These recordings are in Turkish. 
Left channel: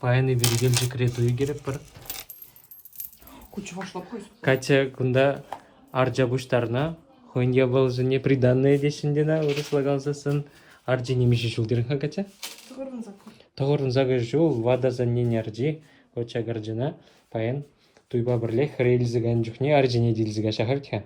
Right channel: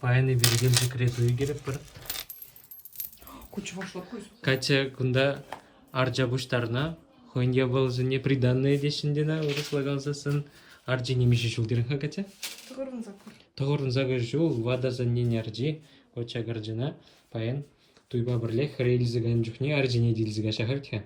Паяны бергел секрету егеріп бір. Куча башлап қойсын. Кача күнда аржа бұштарына, хойнге бұл жіне приданные дешіндена, ұрыслагалзасын аржи немеші шулдерін ха кача? Тұғырын закур. Тоғырын зағы жул, вада за нені аржи, оча гаржына, паян туйба бірле хрейлізігін жүхне аржи неділізіға шахартха.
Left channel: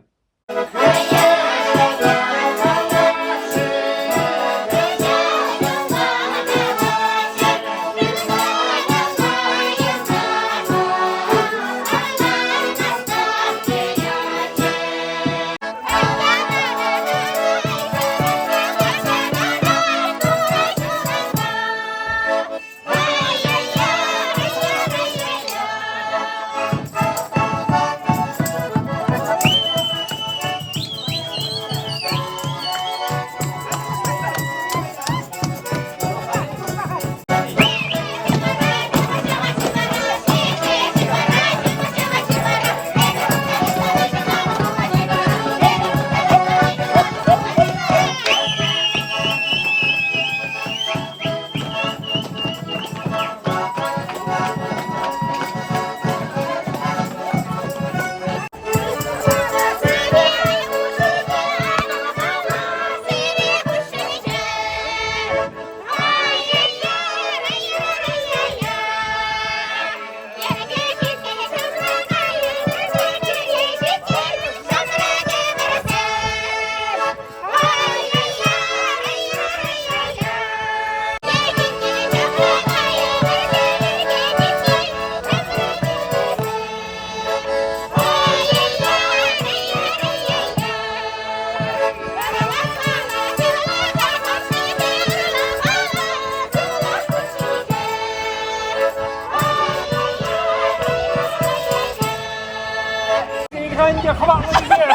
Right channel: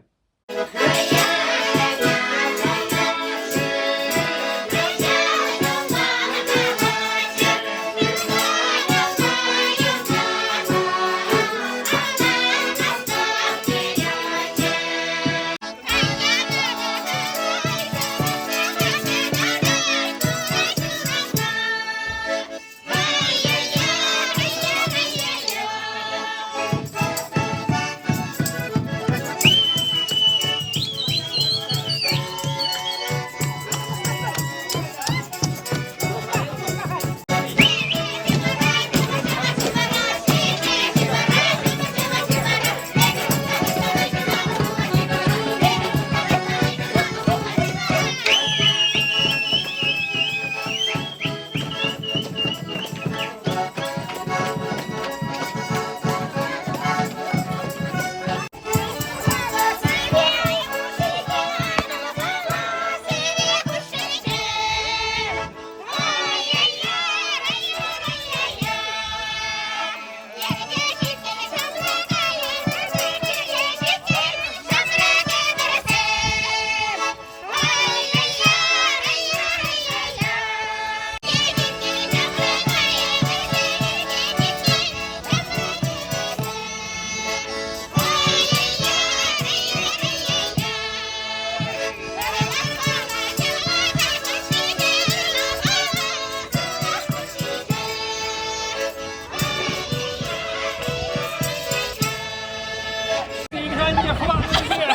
Hangi falan gidiyor?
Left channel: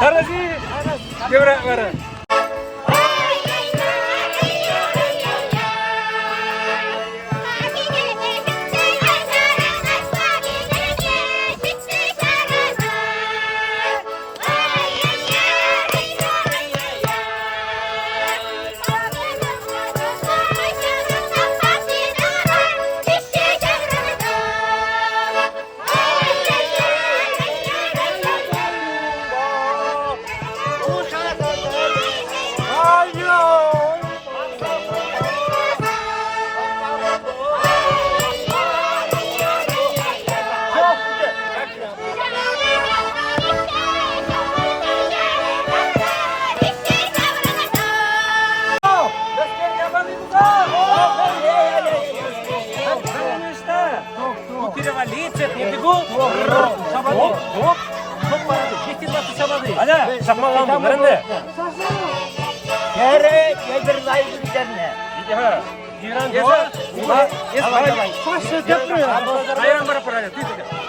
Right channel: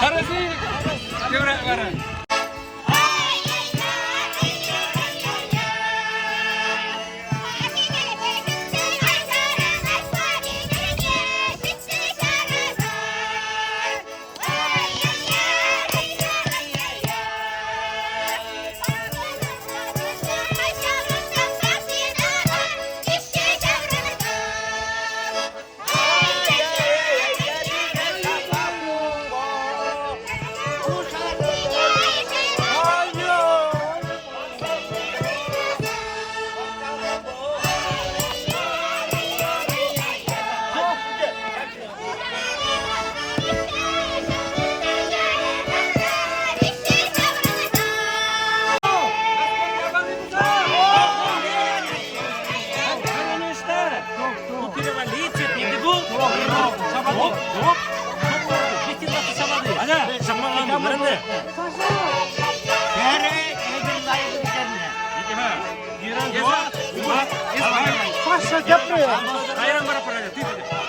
Karasi, gevrek var. Hadi, sama lan bu, nerede? Kere, yedirlayın üzerine. İki ha. İran geze. Paşa köprü. Ayran bara para.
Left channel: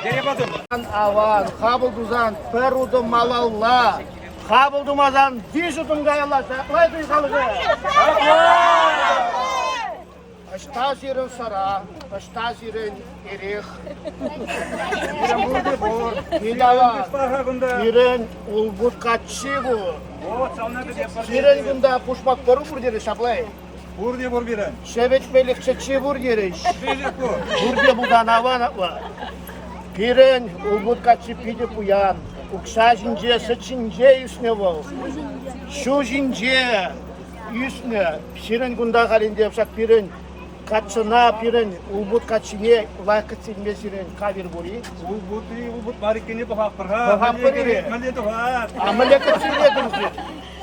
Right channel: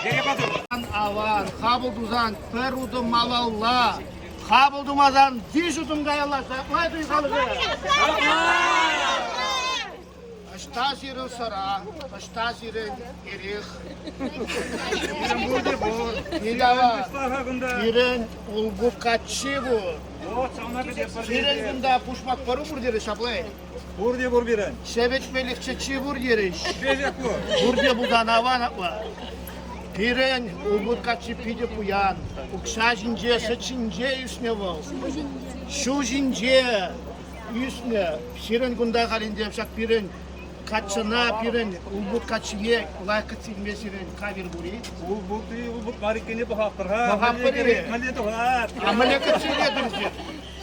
Geriye batın. Avan, kabılduzan, perudu malalla. Kabıldumazan, dişutum gayalasa. Ne duysanız? Штазирен сара, штазирен эрих. Ирен бурде бор, ирен улбут качигу. Ирен гунда пушмак кору бурдери шаплай. Buraya vur biren. Şebetmelik çeçi burgeri. Diyecek bu. Burge budan avan atla. Piren улбут качи пиде куян. Укшажинже, сычинже üstüne vol. Şujinje üstüne. Şirin gunda galinde yapsak piren. Kaçına piren ulbut kaçıne layıkı silmesiren kabir buri. Ulbut marikini bu hafır ha. Hafır. Maliyeti var. Ameliyatı silmediniz.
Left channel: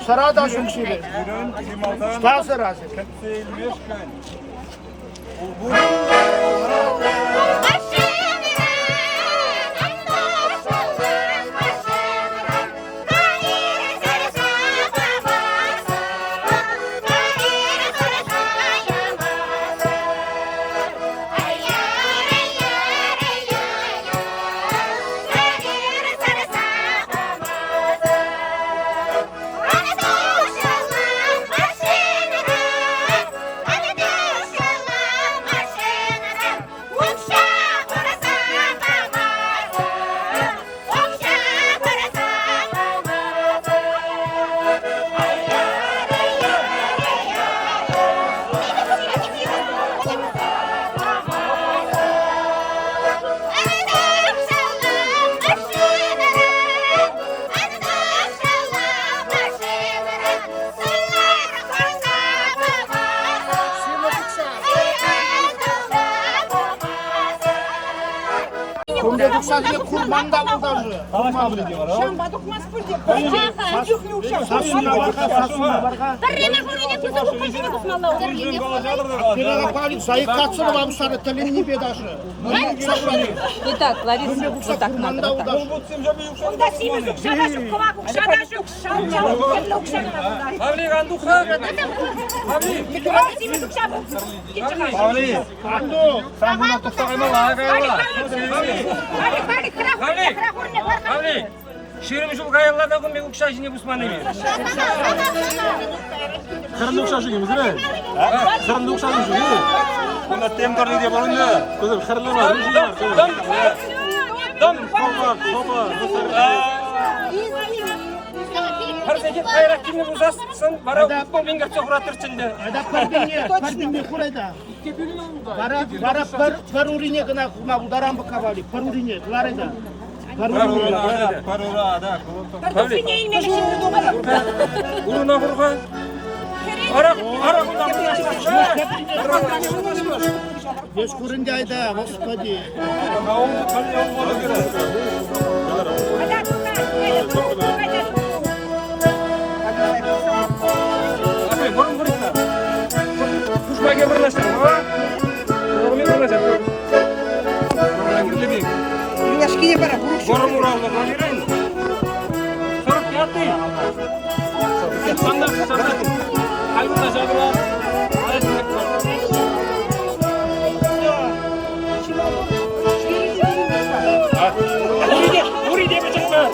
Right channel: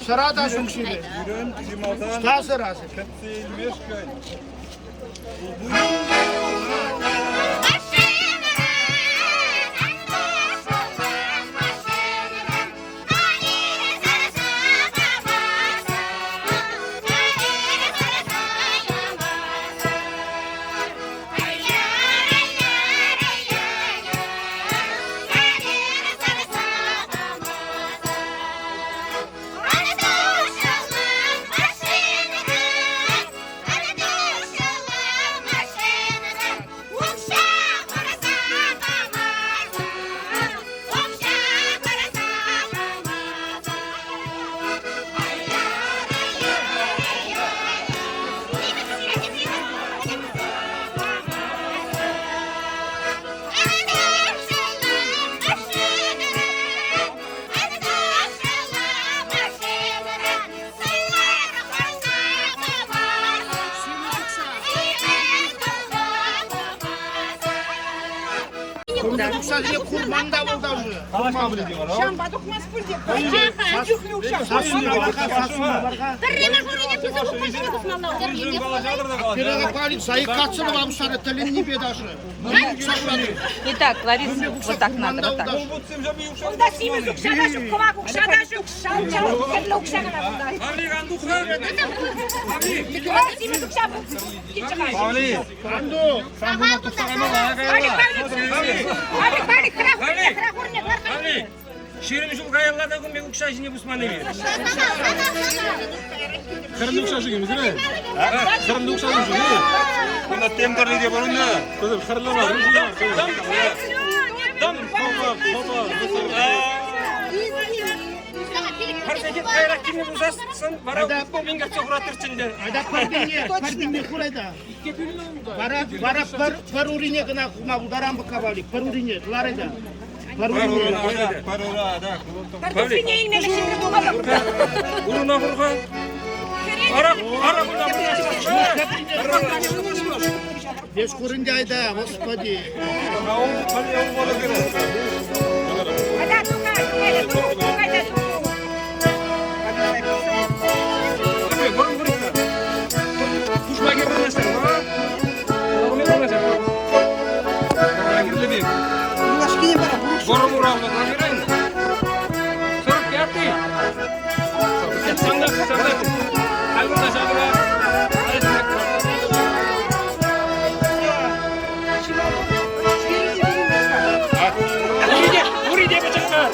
Sıradan şunu silin. Yürün, limaldan. Sağ sırası. Kepsilmiş köy. Ulbut. One shot. 근데 독사진이 굴만다고 가고. Kalaşma bile diyor. Перега палит, заик катсыны вам сары тілін не бедашы. Не так, Лариса, вот так надо, вот так. Bu tümce bir yükseldi. Pavli kandıksa. Pavli. Sen buna tutsakayma var. Pavli, şiirim şu kayalarda kumbe ukşajini busman değil mi? Kırmızı ukşaşı gibi mi? Kırmızı ukşaşı gibi. Bunda temperli diye bana ne? Kızım kırmızı var. Dom, Topa. her sefer kayrak kimi busasın, bana futbol bin kaçça kuratır şimdi. Ayda парбинне курайда. Барап пар урине гына кума ударам бакавали. Пар урине, ларайда. Пар урине. Parura da. Pavli, bunu nahırga. Ara buradan Без курынды айда, господи. Abi, borun buraya. Düşman gebermesin. Borun gebermesin. Borun uğrağında koyuyorsun. Sorup yaptı. Sandak. Halbuki sandak. 우리 대표팀은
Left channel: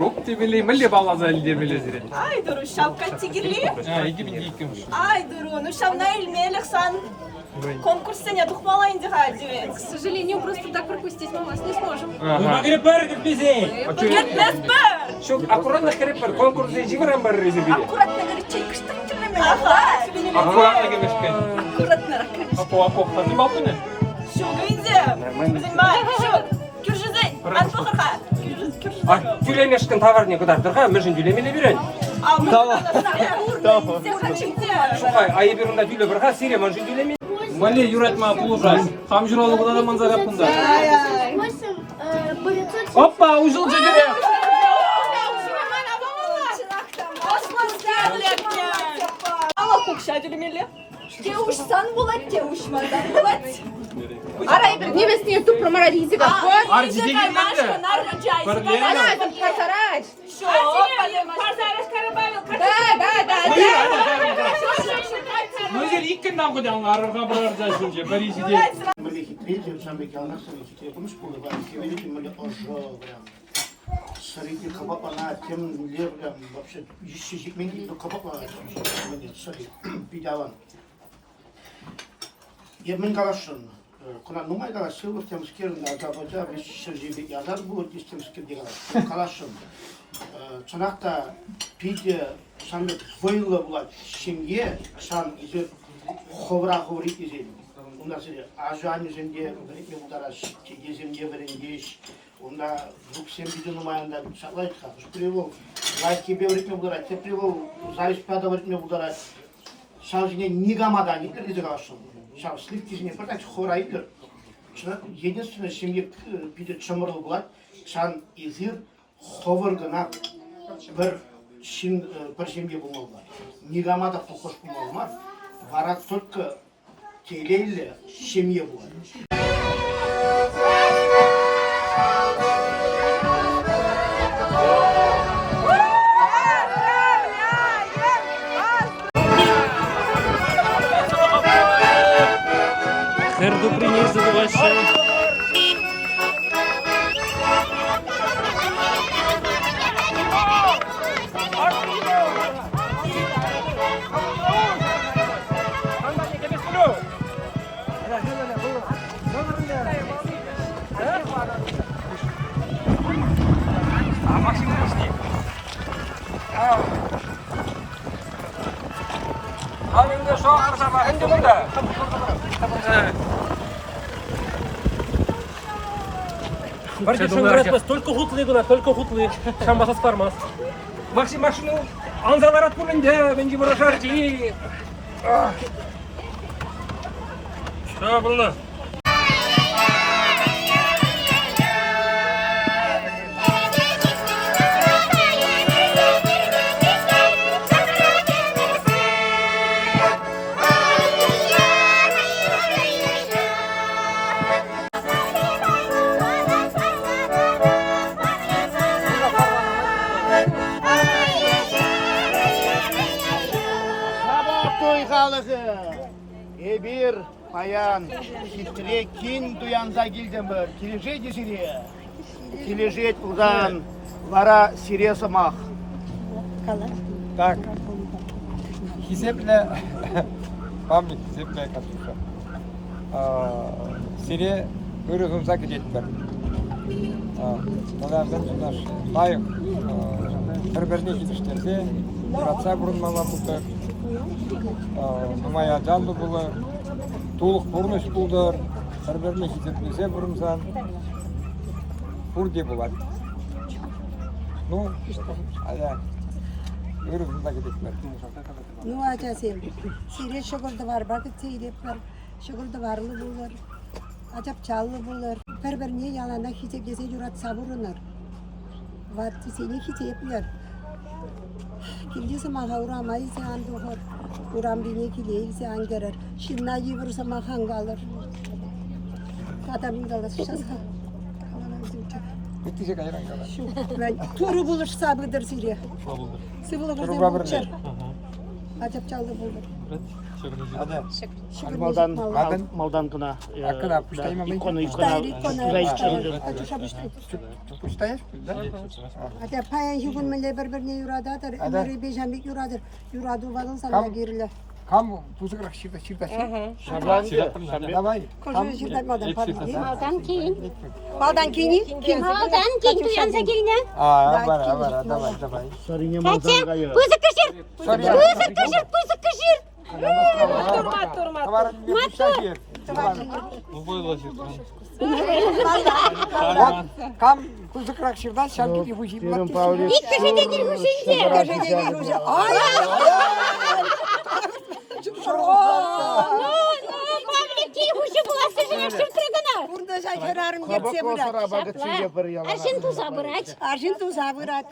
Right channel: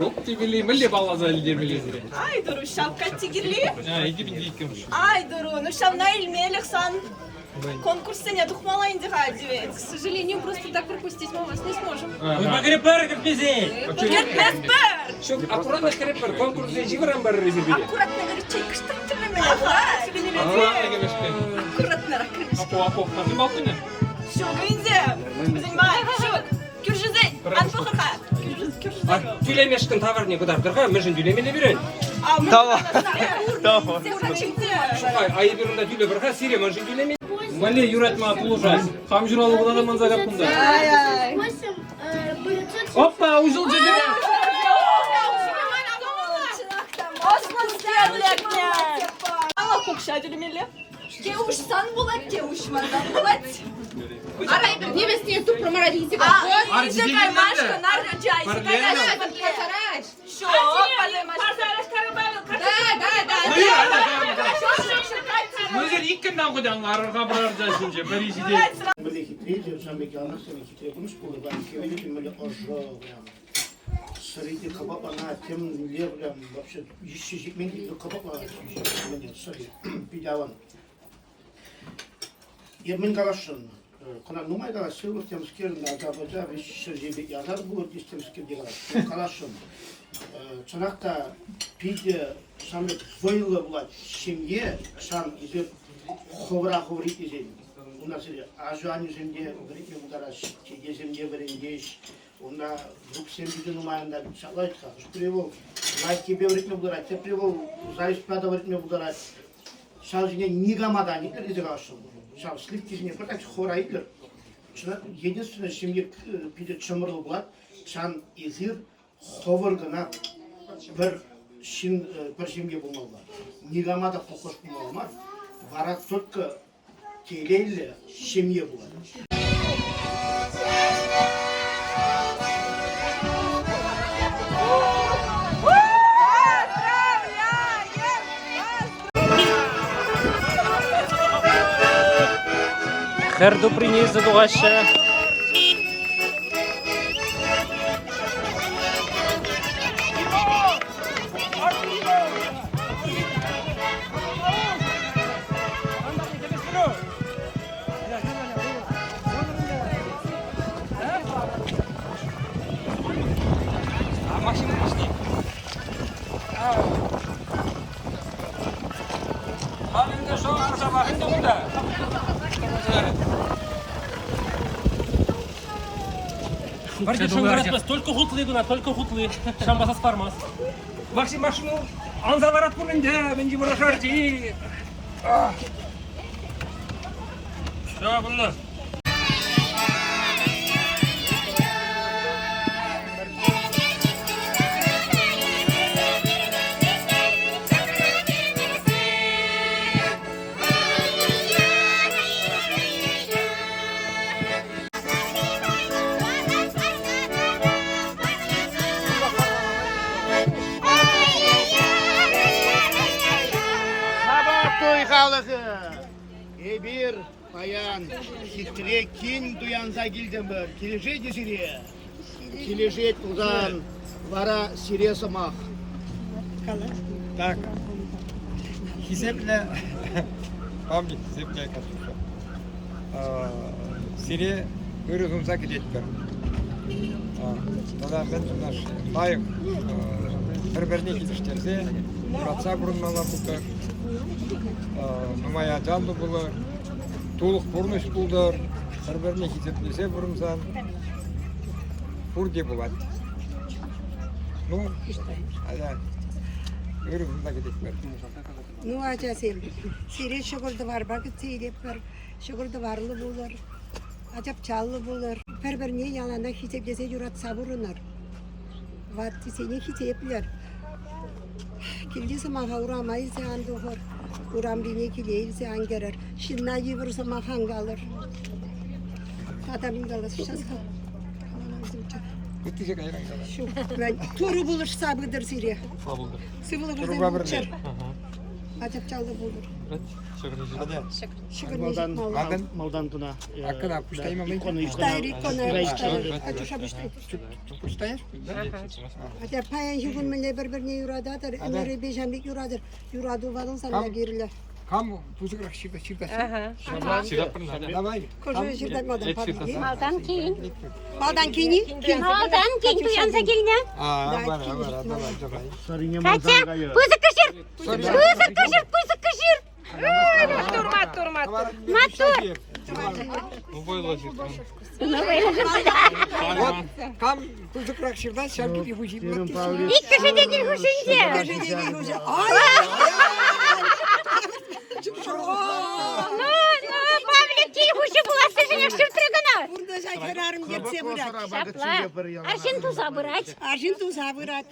Optimili milli bağlaza lidermelezire. Ay Duru, şapka tigirli. Ha, 2002. Ay Duru, ну шам на Эльме Алексан. Конкурсы не тухмалайн дыхать. К сожалению, просто так пропустить мы вас не сможем. Maghripar bize. Герпеспер. Şu akkurat krepper konkursu jibiran bar rezibili. Аккуратно говорит, чайка что ты меня? Akkuratla gelmişken. Аккуратно ракет. Ako. Kim altın ne? Шо, гынзе? Понимаешь, шо? Кюржизей, анпахаха. Ay, tülemeşkin tavar ne kadardır ha? Mejin tülemeli biren. Tamam. Şukay, ayı birinde tüle bir ha, Siriya mejin tülemeli. Мали юратма пулужас. Хам журалы куда ман загапында. Ай-ай. Опа, ужыл жүжүре. Osman Serletne. Allah kokşa dürümeli. Девушсан болот, девушмандан болот. Арай бір невестіне туп проморализі бар. Арди деген Шо? Мөзер иккендан кудан арырга барар жашынчы Парижде. Были хитрее, сами калмасы, хитрее кумыс кулы бар. Кевели были ожо, прям. Среди кабапана тем лев, прям вообще ищи меньше кабапа. Мне сори, пидаван. Yemin kalaşın. Kuna numay kalaşın, bu temskir Azerbaycan ve şirjeli yazar bu temskir diye kalaşın. Çanakta pide sandı voylu bulat şimdiye şan izir hovri izin. Onda size ajan üzerinde üretme budaraş, gezimde verengeç. Onda buksen bir numayanda sallayt kalmış. Prevo, like bir üretme budaraş, prevo, zayıfpada üretme budaraş. Şarjine nigamadan ileri kalaşın. Şan slikizine pırtak хорайdır. Единственное, şimdi pide çamurlu bulat, şan izir hovurgına bir şimdi bulmalılar. Nigamada fokus bulmalılar. Varak только телеyle şimdi bulmalılar. Her добрый забываща. Halinde şu an kursama, hindi bunda. Только хутлы гуна, только хутлы. Шамбаса стармас. Максимум анзаларат bulunca bence burası harcı. Sağ bulun. Sabah toy halısı. Bir bayan sitre kin duyanza gildemir. Kilişe cisiri. Kilişe uzan. Vara siriye samak. Так. Хисепле память, хисепле кашука. Сире вырызымса кететпер. Тогда мен наш лайық бір-біріне кетіштерсе, мұратса бұрынмала бұлдыр, нұмая жанды бұлыр, толық бұрыныш бұлдыр, бір-біріне кететпесе бұрынсан, бұрде болады. Ну, ада, вырызымса кететпер. Ну, acasıyım. Sire şokurda var, bakit sire var. Şokurda varlı bulur. Acap çallı bulur. Perber niye yalanda hitep dese yurat sabırınır. Vatti seni hitepler. Kildi zaman uğramayı sen doğur. Uğram bine kileyil sen gerer. Şinna yıvırsa mahan kalır. Adamın kalır. Şaz kal. Bittiyse kaçıran kadar. Şu ben toru bulur sabırdır sire. Sıvılı Toru kızım babır uçar. Acap çallı bulur. Hadi. Maldan Maldan. maldan tuna. Arkada puştayım ama İkonu Puştayır, ikonu, puştayır. Acuşa puştayır. Puştayır. Hatta payan hükümle birbirine yuradadır. Ömrü beşenlik yuradır. Yuradı varın sana Tamam. geriler. Kam puzukrak şirda. Давай. Koşuyor şirden maldan pardon. Maldan keyin. Maldan kini? Maldan keyin duyansa geline. Давай. Sarınya maldan gayı. Pızı kışır. Sorry. Pızı kışır. Вот, там пузыкрак ширда, шампики хужи. İlk köşedeki huşunca. Ay! Pavlikçi huşu bulasın şuna şırtırgına. Burada şekerarım geçse Kabak bırak. olsara bakıt çiğ yapar yalan. Arşın tuza bırak. Arjin tuzağı bırak.